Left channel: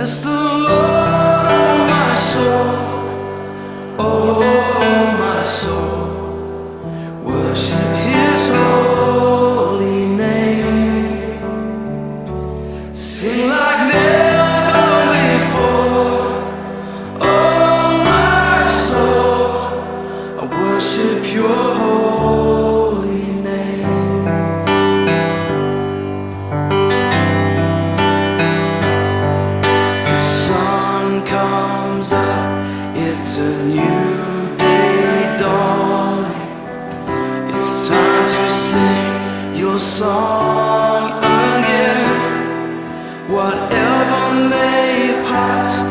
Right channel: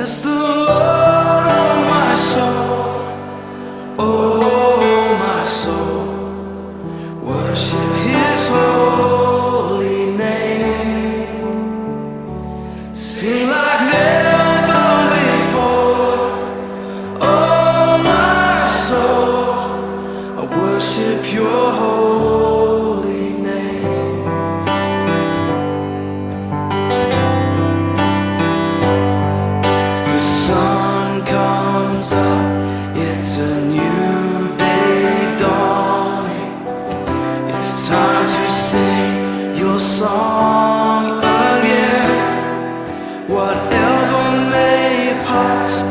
Bless the Lord, oh my soul, oh my soul. Worship His holy name. Sing like never before, oh my soul. I worship Your holy name. The sun comes up, it's a new day dawning. It's time to sing Your song again. Whatever may pass,